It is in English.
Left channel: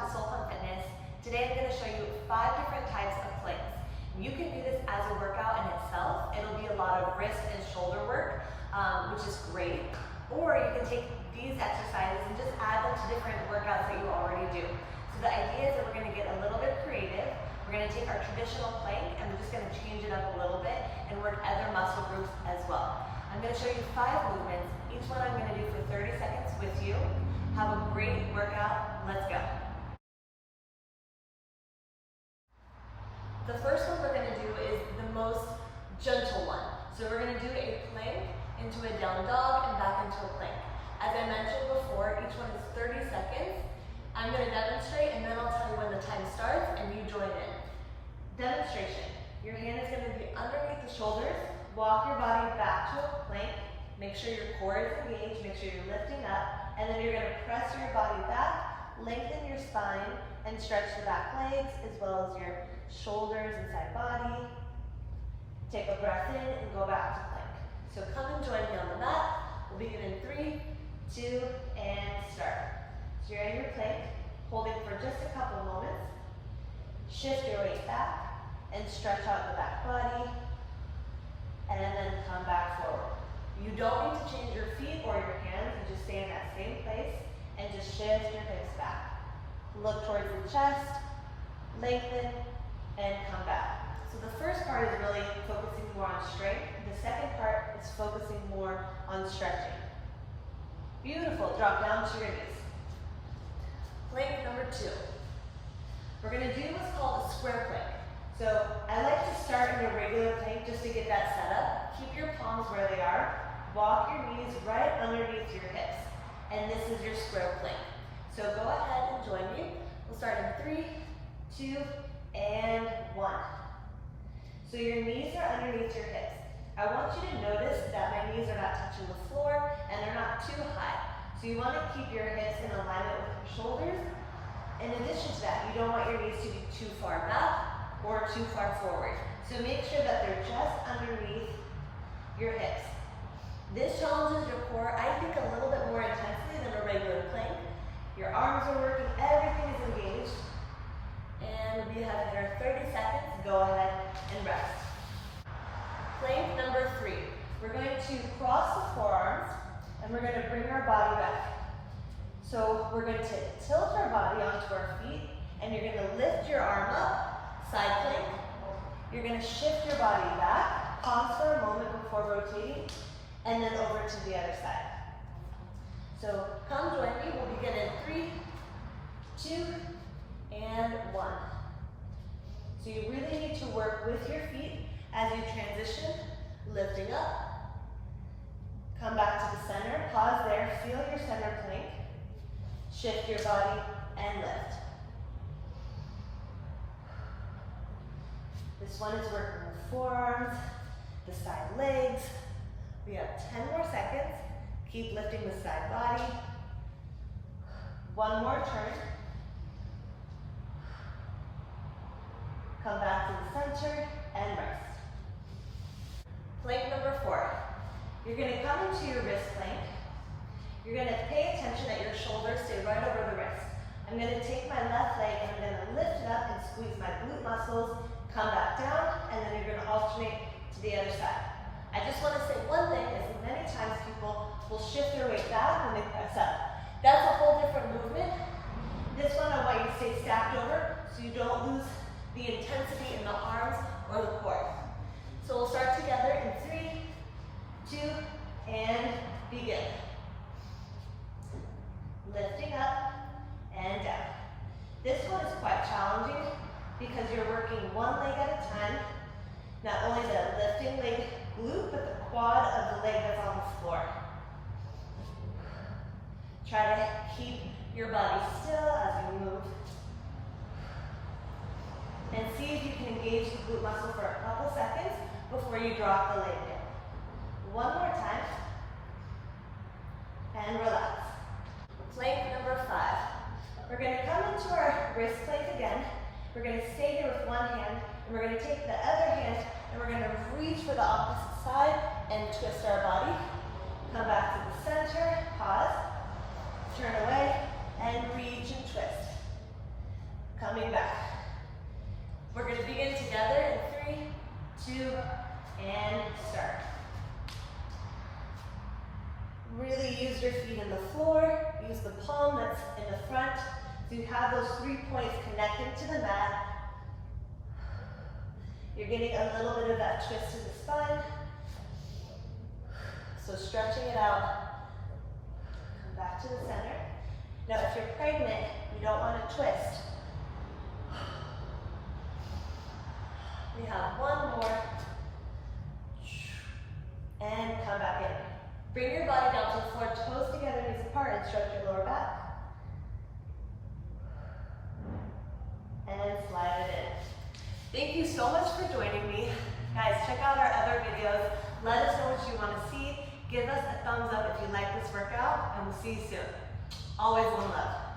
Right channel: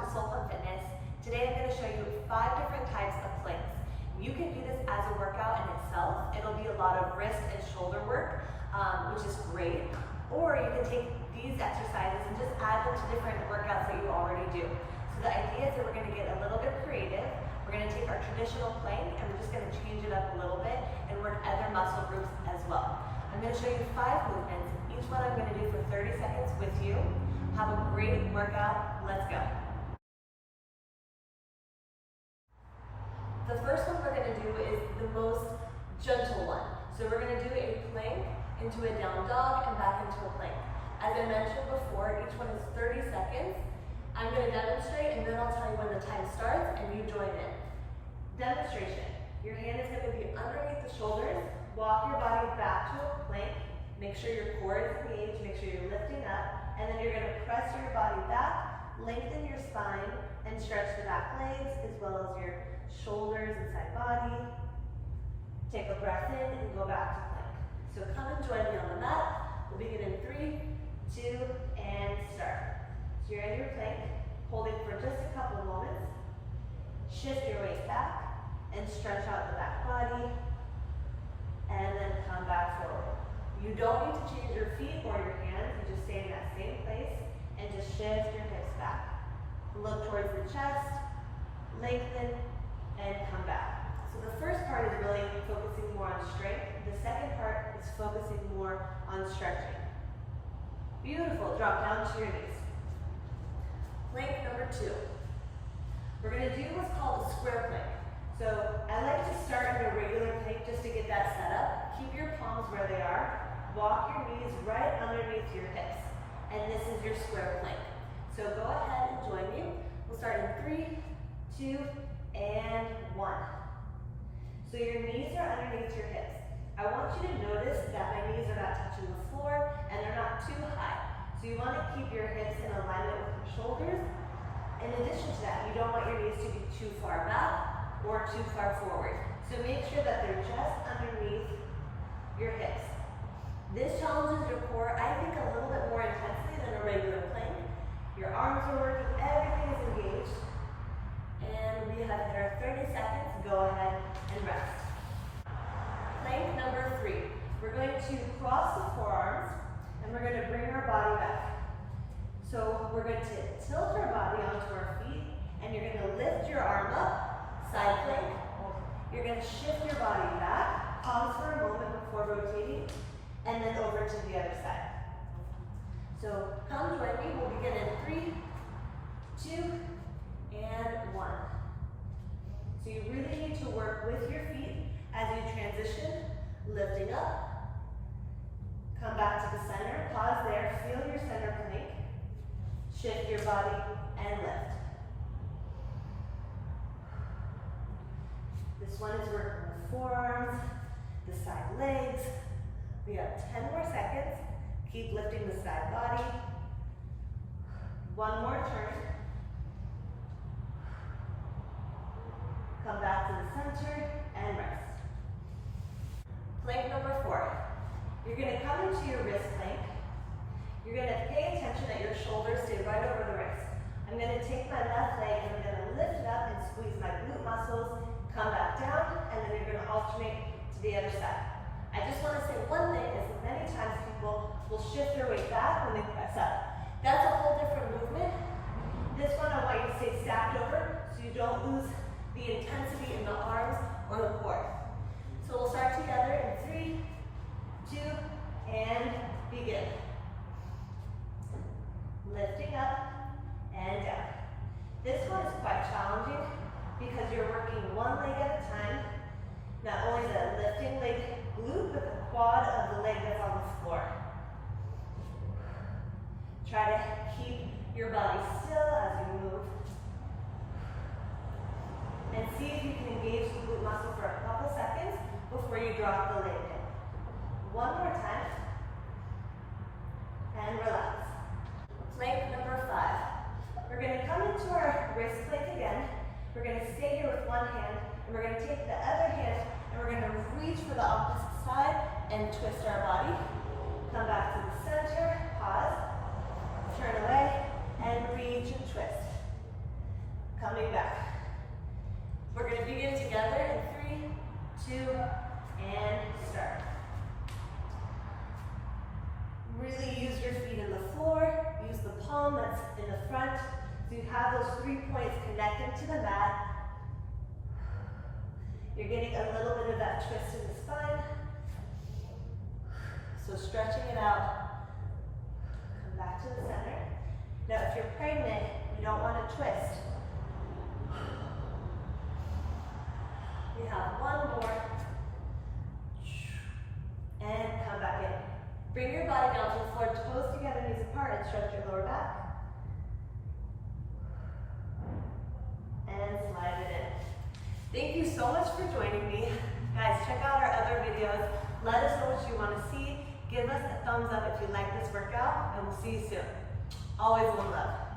back to Soul Fun Fitness. Today I'm going to show you 5 different types of planks. You can do this as a workout in itself. It'll be a lot of wrist and shoulder work, which is great. Or you can take these exercises and just add them to different workouts that you already do. So the idea is that we're going to get a little bit creative. We're going to take our traditional plank and we're just going to change it up a little bit and work other muscle groups as well. I'm going to show you 5 movements. Each one I'm going to do for 30 seconds with you. Have a great workout. Let's go. The first one we're going to do is the most gentle one. So we're going to do a plank into a down dog and back into a plank. As I mentioned before, each one is 30 seconds. I'm going to demonstrate and then I'll tell you when the time starts and you join in. Demonstration. Your hand is going to be underneath the shoulders. Walk your body back to a plank. Make sure your core is engaged. Make sure you're lifting up. And then you're going to press your body back, lengthen your spine, and stretch the back legs as well as your shoulders and side body. Take a breath in and go back to plank. So come and join me on the mat. We'll begin in 3, 2, and start. So you're in your plank, holding for just a couple moments. Shift your weight back and stretch out the back body. And then come back forward. You don't need to change your feet or your hands. You just stay in that same place and just shift your hips back. Look towards the chest, lengthen, and come back. So the first part is really focusing more on strength. The second part is focusing more on stretching. Beautiful. Drop down to your knees. Plank number 2. We're going to do what's called a square plank. So I like to start in a regular plank just to get that set up. Keep your palms where they are. Walk your knees right underneath your hips. And this is your square plank. So go ahead and join me. We'll start in 3, 2, and 1. So your knees are underneath your hips. I want you to notice that my knees are not touching the floor and they're not too high. So you want to keep your hips in alignment with your shoulders. In addition to that, you don't want your knees to be too far back or too far forward. So make sure that they're just underneath your hips. This challenges your core, I think, a little bit more intensely than a regular plank. Your arms are working, everything is engaged. And we have here 30 seconds. Go ahead and rest. Plank number 3. We're going to cross the forearms and we're going to bring our body back. So we're going to tilt our body onto our feet and you're going to lift your arm up, side plank. You're going to shift your body back, pause for a moment before rotating, and then over to the other side. So come join me. We'll begin in 3, 2, and 1. So you really need to work with your feet as you transition, lifting up. Come back to the center, pause there, feel your center plank. Shift your body and lift. This one is working the forearms, the side legs. We have 10 more seconds. Keep lifting the side body. One more turn. Come back to the center and rest. Plank number 4. You're going to come into your wrist plank. You're going to pay attention that your shoulders stay right over the wrist. I'm going to take my left leg and I'm going to lift it up and squeeze my glute muscles, come back down, and then you're going to alternate to the other side. I just want to say one thing is many times people will shift their weight back when they press up. That's a whole different movement. This one I want you to stay stacked over so you don't lose the intensity in the arms or the core. So we'll start together in 3, 2, and begin. Lifting up and down. This one is quite challenging because you're working one leg at a time. Not only the lifting leg glute, but the quad of the leg that's on the floor. Try to keep your body still as you move. And see if you can engage the glute muscle for a couple seconds before you drop the leg in. One more time. And relax. Plank number 5. We're going to come into our wrist plank again. We're going to stay here with one hand, and we're going to take the other hand, and we're going to reach for the opposite side and twist our body. Come back to the center, pause, turn away, and reach and twist. use your feet in the floor, use the palm that's in the front. So you have those 3 points connected to the mat. You're getting a little bit of that twist in the spine. So stretching it out. Come back to the center. Now if you're pregnant, you don't want to twist. We have one more. And come back in. Bring your body down to the floor, toes together, knees apart, and stretch your lower back. And slide it in. Thank you so much for joining me. Guys, check out our other videos. Let us know what you want to see. Give us a thumbs up if you like this workout, and we'll see you soon. Always one love.